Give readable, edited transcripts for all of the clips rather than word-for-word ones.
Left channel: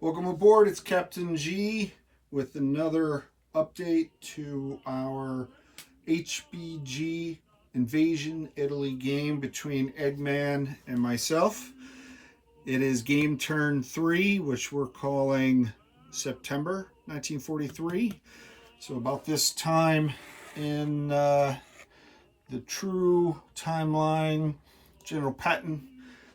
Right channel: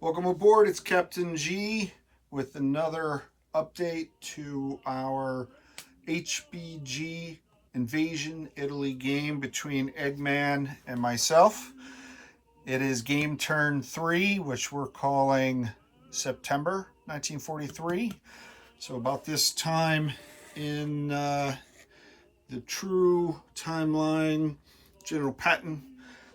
Welcome aboard. It's Captain G with another update to our HBG Invasion Italy game between Eggman and myself. It is game turn 3, which we're calling September 1943. So, about this time in the true timeline, General Patton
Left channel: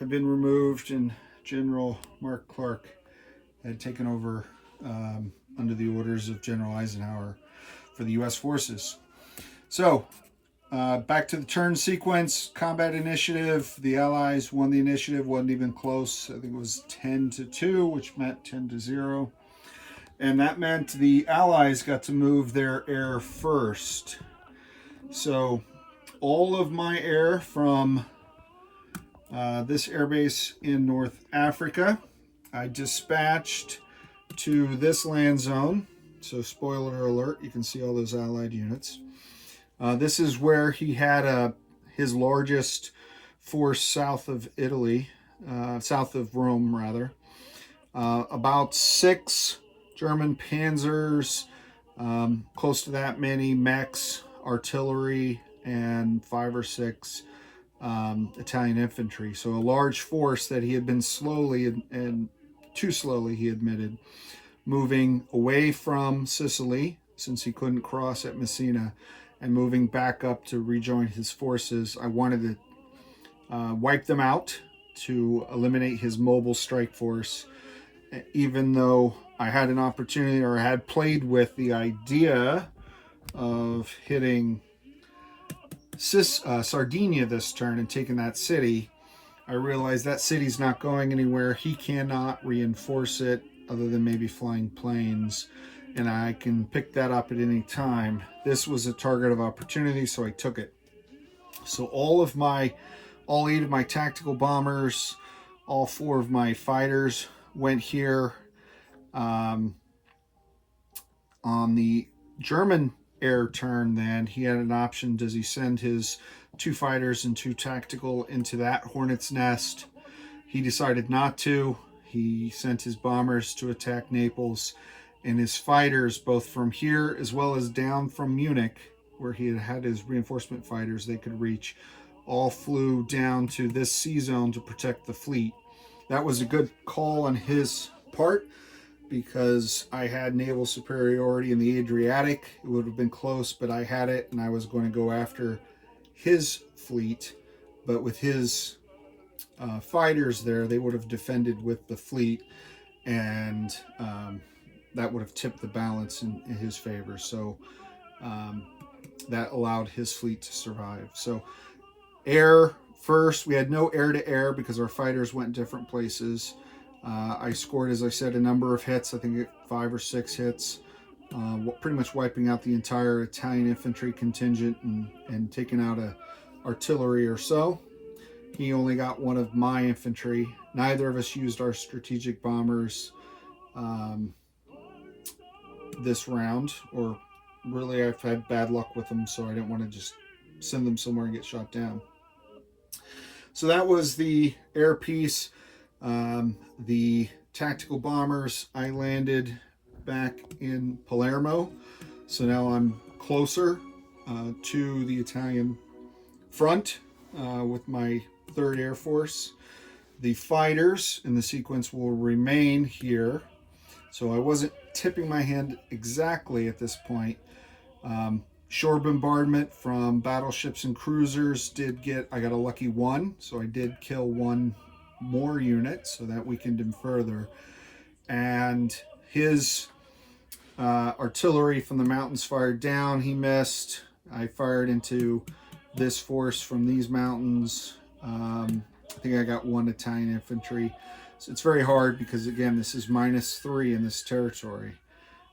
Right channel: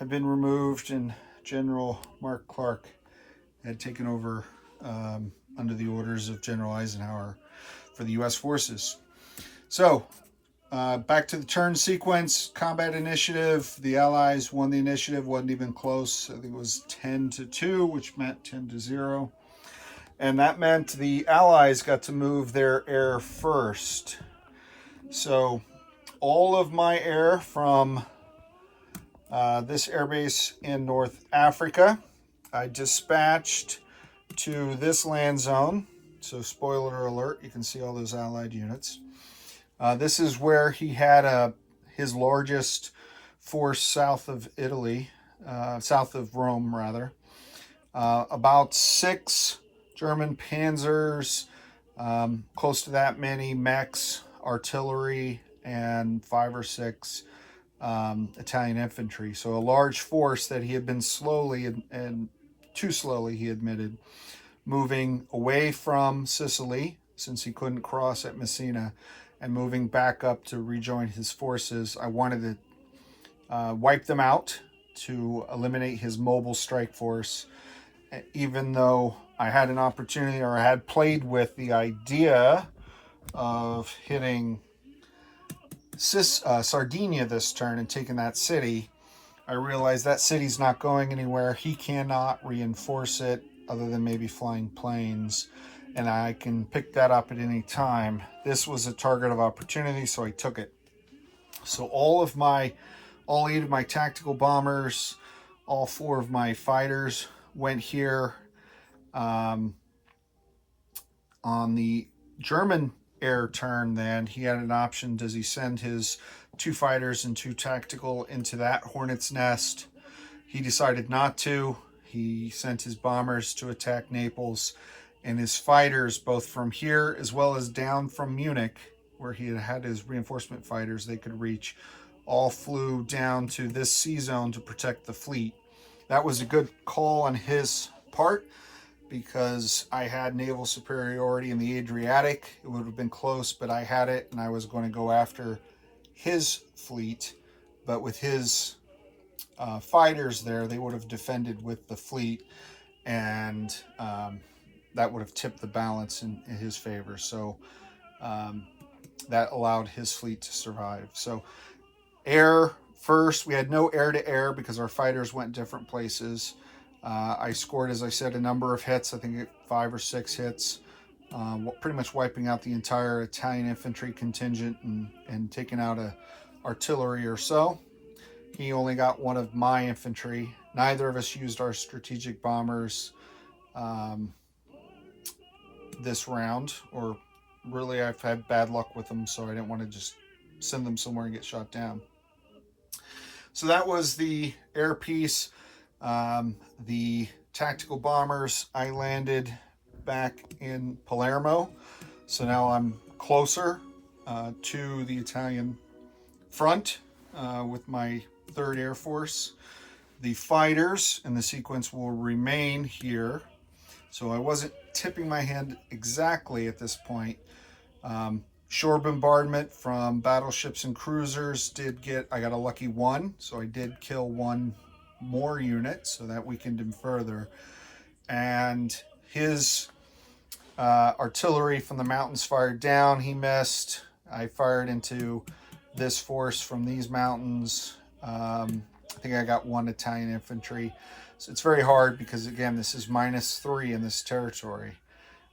had been removed and General Mark Clark had taken over under the orders of General Eisenhower for the U.S. forces. So, back to the turn sequence, combat initiative. The Allies won the initiative, wasn't even close. I think it was 10-2, which meant 10-0. And that meant the Allies got to move their air first. So, all of my air from this airbase in North Africa, I dispatched to this land zone. So spoiler alert, you can see all those Allied units. This is where he had his largest force south of Italy, south of Rome rather. About 6 German panzers, close to that many mechs, artillery, and 5 or 6 Italian infantry. So a large force that he had been slowly and too slowly, he admitted, moving away from Sicily, since he couldn't cross at Messina, and moving back up to rejoin his forces. I wanted to wipe them out to eliminate his mobile strike force, even though I had an opportunity, or I had played with the idea of hitting Sardinia this turn and taking that city. I realized that city's not going anywhere. He cannot reinforce it other than maybe flying planes, and I can pick that up at any time. This was a target of opportunity, so I took it. So all 8 of my tactical bombers, all 4 of my fighters went here. On the German air turn, then he had an option. Does he send his 2 fighters and 2 tactical into that hornet's nest? He decided not to. He sent his bombers to attack Naples, and his fighters, both from here as well as down from Munich, where he had his reinforcement fighters they could reach, all flew down to this sea zone to protect the fleet. That was a good call on his part, because I had naval superiority in the Adriatic. It would have been close, but I had it, and I was going to go after his fleet. But with his fighters there, they would have defended with the fleet, and that would have tipped the balance in his favor. So that allowed his fleet to survive. So air first. We had no air-to-air because our fighters went different places. I scored, as I said, a number of hits. I think 5 or 6 hits, pretty much wiping out the entire Italian infantry contingent and taking out artillery or so. He only got 1 of my infantry. Neither of us used our strategic bombers this round, or really I've had bad luck with them, so I didn't want to just send them somewhere and get shot down. So that was the air piece. The tactical bombers, I landed back in Palermo, so now I'm closer to the Italian front with my 3rd Air Force. The fighters in the sequence will remain here, so I wasn't tipping my hand exactly at this point. Shore bombardment from battleships and cruisers I got a lucky 1, so I did kill 1 more unit, so that weakened him further. And his artillery from the mountains fired down. He missed. I fired into this force from these mountains. I think I got 1 Italian infantry. So it's very hard because, again, this is -3 in this territory,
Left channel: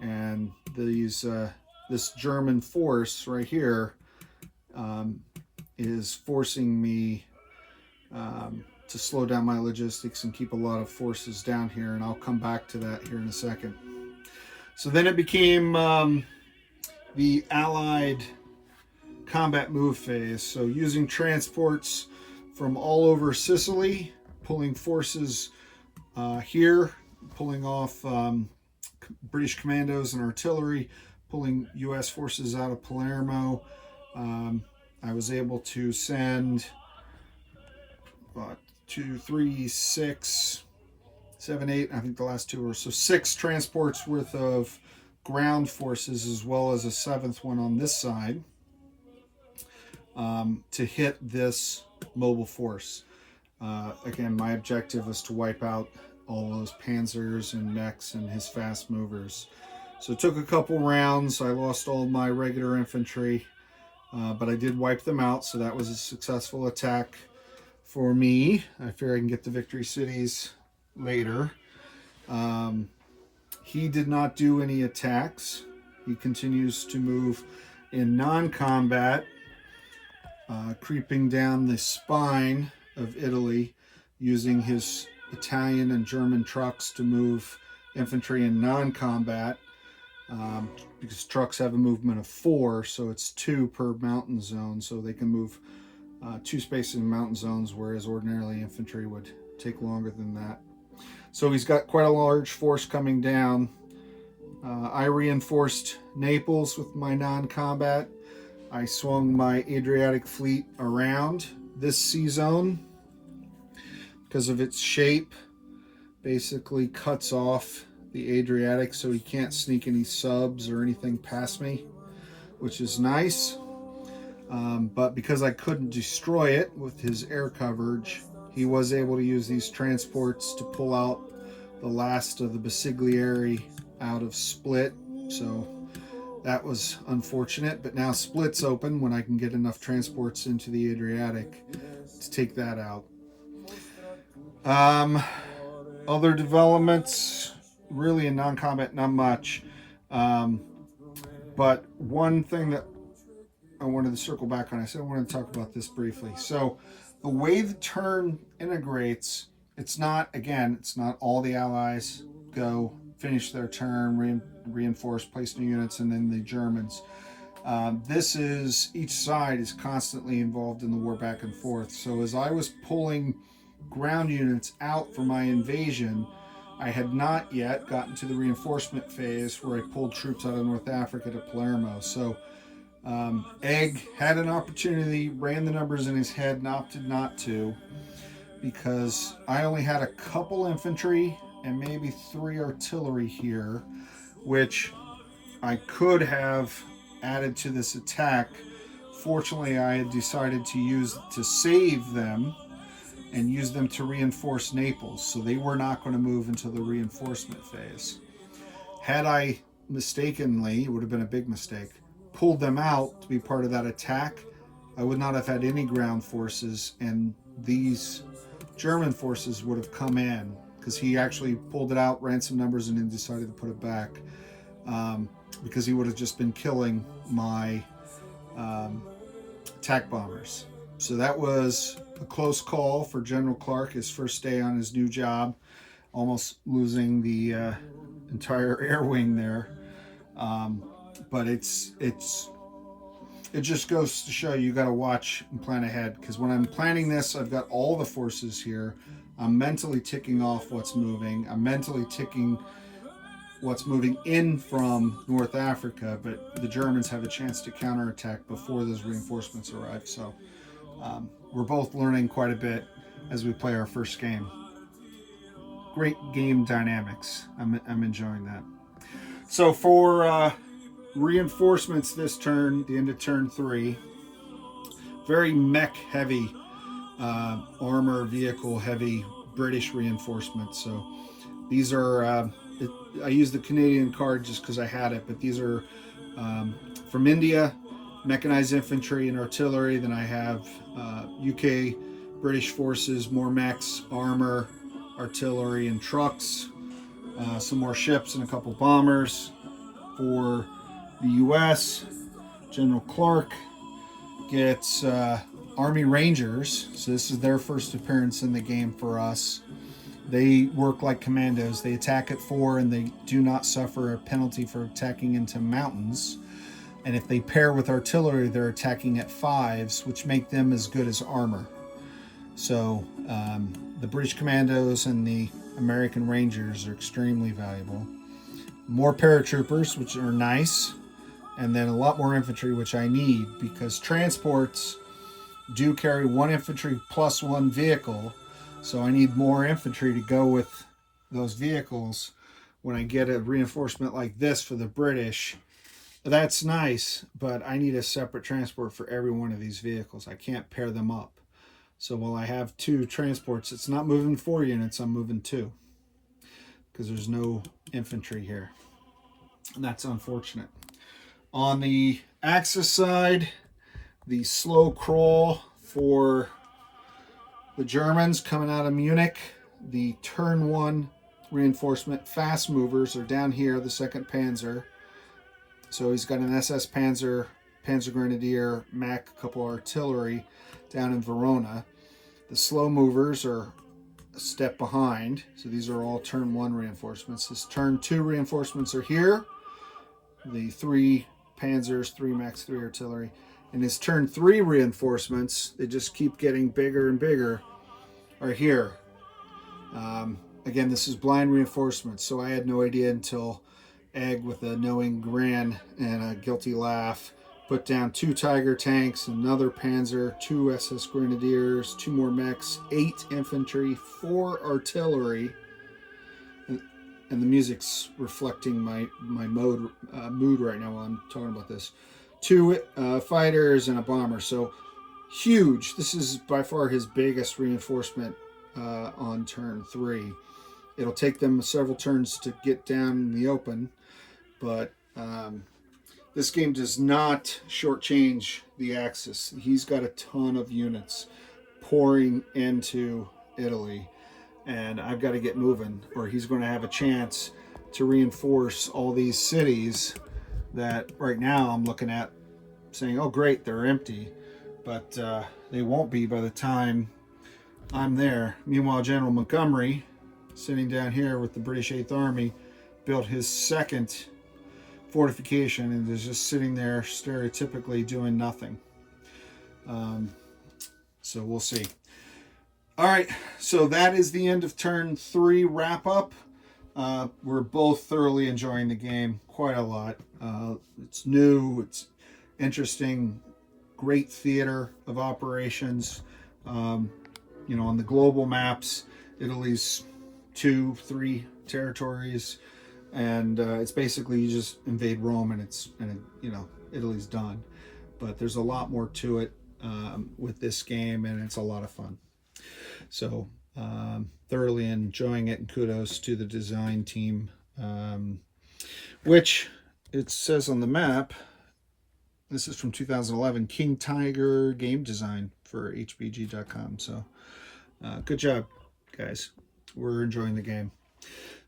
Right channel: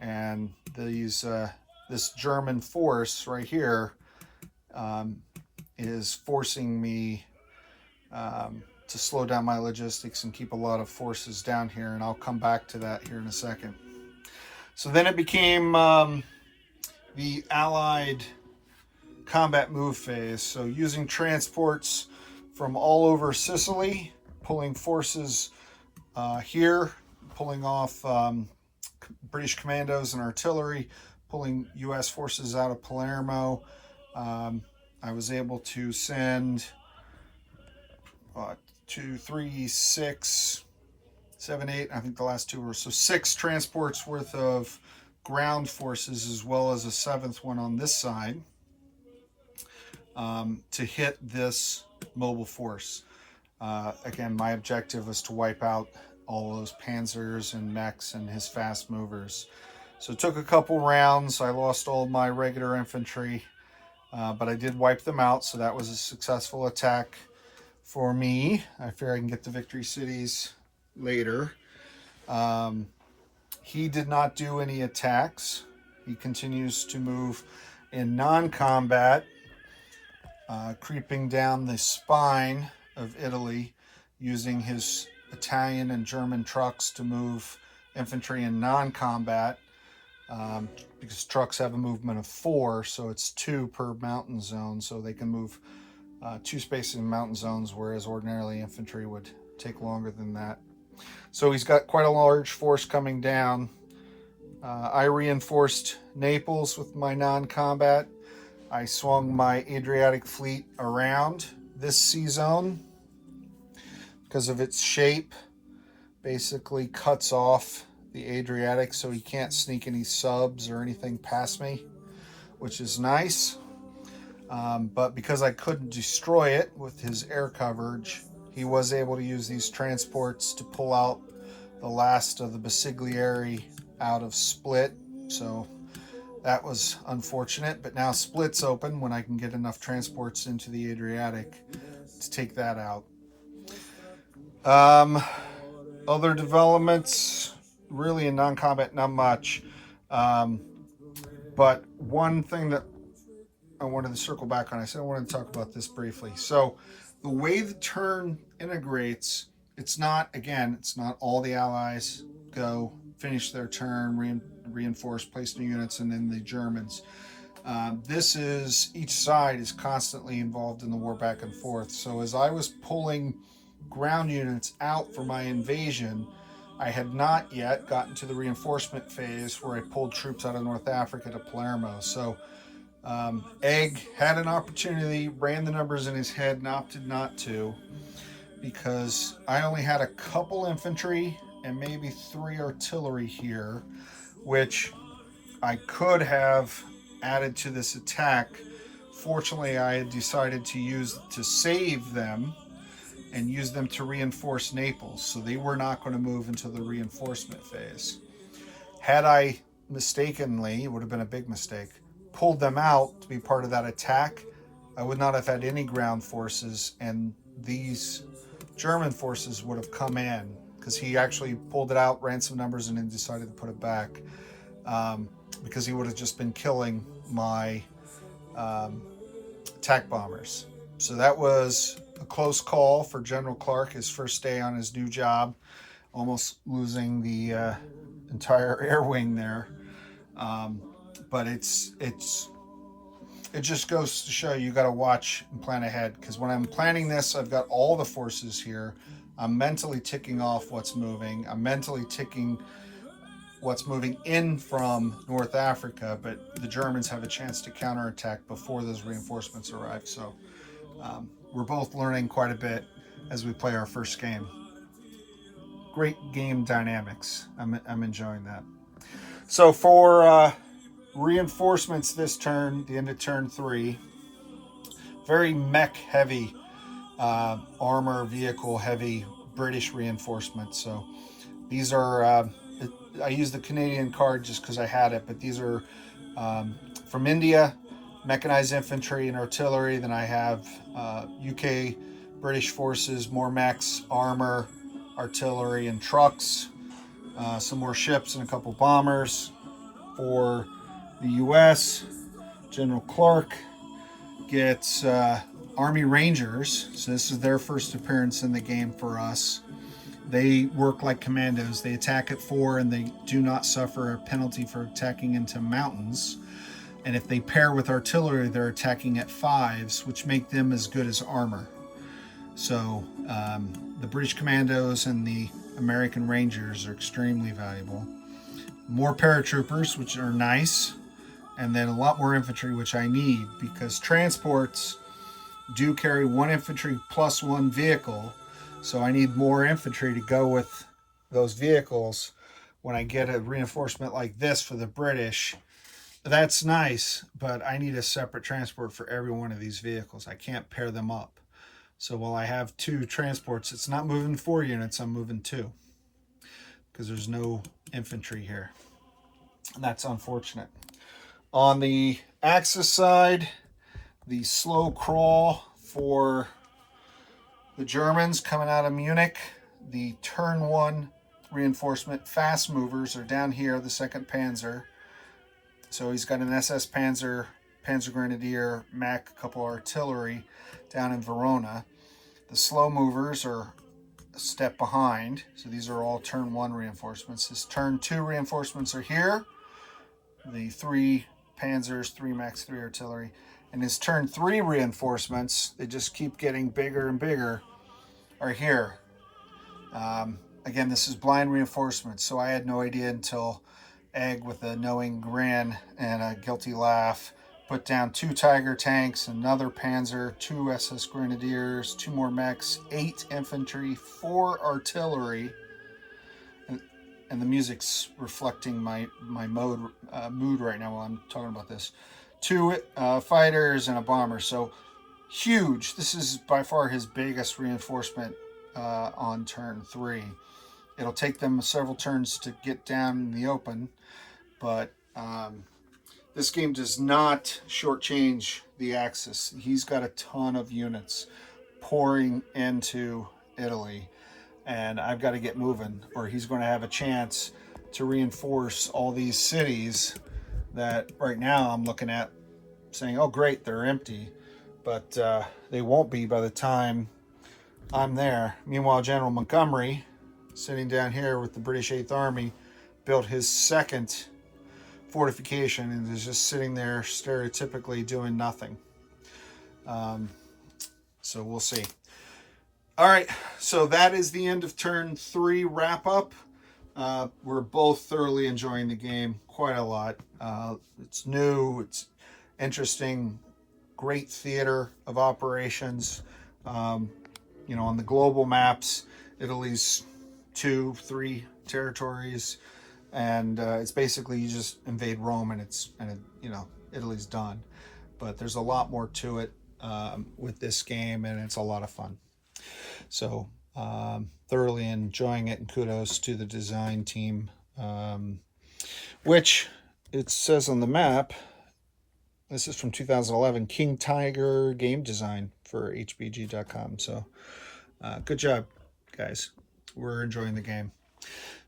and this German force right here is forcing me to slow down my logistics and keep a lot of forces down here, and I'll come back to that here in a second. So then it became the Allied combat move phase. So using transports from all over Sicily, pulling forces here pulling off British commandos and artillery, pulling U.S. forces out of Palermo. I was able to send 2, 3, 6, 7, 8. I think the last two were so 6 transports worth of ground forces, as well as a 7th one on this side, to hit this mobile force. Again, my objective was to wipe out all those panzers and mechs and his fast movers. So it took a couple rounds. I lost all my regular infantry, but I did wipe them out, so that was a successful attack for me. I fear I can get the victory cities later. He did not do any attacks. He continues to move in non-combat, creeping down the spine of Italy, using his Italian and German trucks to move infantry in non-combat, because trucks have a movement of 4, so it's 2 per mountain zone, so they can move 2 spaces in mountain zones, whereas ordinarily infantry would take longer than that. So he's got quite a large force coming down. I reinforced Naples with my non-combat. I swung my Adriatic fleet around this sea zone because of its shape. Basically cuts off the Adriatic, so he can't sneak any subs or anything past me, which is nice. But because I couldn't destroy it with his air coverage, he was able to use these transports to pull out the last of the Basiglieri out of Split. So that was unfortunate, but now Split's open when I can get enough transports into the Adriatic to take that out. Other developments, really in non-combat, not much. But one thing that I wanted to circle back on, I said I wanted to talk about this briefly. So the way the turn integrates, it's not all the allies go, finish their turn, reinforce, place new units, and then the Germans. This is, each side is constantly involved in the war back and forth. So as I was pulling ground units out for my invasion, I had not yet gotten to the reinforcement phase where I pulled troops out of North Africa to Palermo. So Egg had an opportunity, ran the numbers in his head, and opted not to, because I only had a couple infantry and maybe 3 artillery here, which I could have added to this attack. Fortunately, I had decided to save them and use them to reinforce Naples, so they were not going to move into the reinforcement phase. Had I mistakenly, it would have been a big mistake, pulled them out to be part of that attack, I would not have had any ground forces, and these German forces would have come in, because he actually pulled it out, ran some numbers, and then decided to put it back, because he would have just been killing my attack bombers. So that was a close call for General Clark, his first day on his new job, almost losing the entire air wing there. But it just goes to show you got to watch and plan ahead, because when I'm planning this, I've got all the forces here. I'm mentally ticking off what's moving. I'm mentally ticking what's moving in from North Africa, but the Germans have a chance to counterattack before those reinforcements arrive. So we're both learning quite a bit as we play our first game. Great game dynamics. I'm enjoying that. So for reinforcements this turn, the end of turn 3, very mech heavy, armor vehicle heavy British reinforcements. So these are, I use the Canadian card just because I had it, but these are from India, mechanized infantry and artillery. Then I have UK British forces, more mechs, armor, artillery, and trucks, some more ships and a couple bombers. For the US, General Clark gets Army Rangers, so this is their first appearance in the game for us. They work like commandos. They attack at 4, and they do not suffer a penalty for attacking into mountains. And if they pair with artillery, they're attacking at 5s, which make them as good as armor. So the British commandos and the American Rangers are extremely valuable. More paratroopers, which are nice, and then a lot more infantry, which I need because transports do carry 1 infantry plus 1 vehicle, so I need more infantry to go with those vehicles when I get a reinforcement like this for the British. That's nice, but I need a separate transport for every one of these vehicles. I can't pair them up. So while I have 2 transports, it's not moving 4 units, I'm moving 2 because there's no infantry here. And that's unfortunate. On the Axis side, the slow crawl for the Germans coming out of Munich, the turn 1 reinforcement fast movers are down here, the 2nd Panzer. So he's got an SS Panzer, Panzer Grenadier, Mac, a couple artillery down in Verona. The slow movers are a step behind. So these are all turn 1 reinforcements. His turn 2 reinforcements are here. The 3 Panzers, 3 Max 3 artillery. And his turn 3 reinforcements, they just keep getting bigger and bigger, are here. Again, this is blind reinforcements, so I had no idea until Egg, with a knowing grin and a guilty laugh, put down 2 Tiger tanks, another Panzer, 2 SS Grenadiers, 2 more mechs, 8 infantry, 4 artillery, and the music's reflecting my mood right now while I'm talking about this. 2 fighters and a bomber, so huge. This is by far his biggest reinforcement on turn 3. It'll take them several turns to get down in the open, but this game does not shortchange the Axis. He's got a ton of units pouring into Italy, and I've got to get moving, or he's going to have a chance to reinforce all these cities that right now I'm looking at saying, oh great, they're empty, but they won't be by the time I'm there. Meanwhile, General Montgomery, sitting down here with the British 8th Army, built his 2nd fortification and is just sitting there stereotypically doing nothing. So we'll see. All right, so that is the end of turn 3 wrap up. We're both thoroughly enjoying the game quite a lot. It's new, it's interesting, great theater of operations. You know, on the global maps, Italy's 2, 3 territories, and it's basically you just invade Rome and you know, Italy's done. But there's a lot more to it with this game, and it's a lot of fun. So thoroughly enjoying it, and kudos to the design team, which it says on the map, this is from 2011, King Tiger game design for HBG.com. So good job, guys. We're enjoying the game.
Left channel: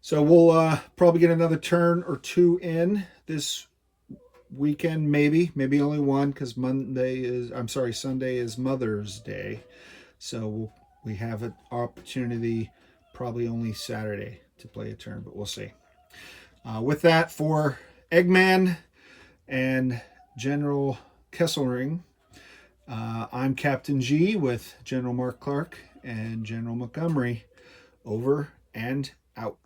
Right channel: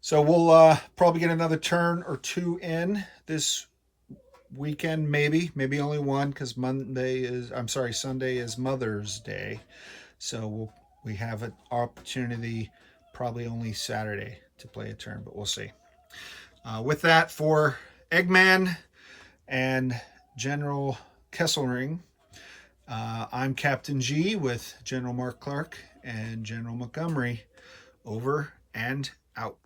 So we'll probably get another turn or 2 in this weekend, maybe only 1, because Sunday is Mother's Day. So we have an opportunity probably only Saturday to play a turn, but we'll see. With that, for Eggman and General Kesselring, I'm Captain G with General Mark Clark and General Montgomery. Over and out.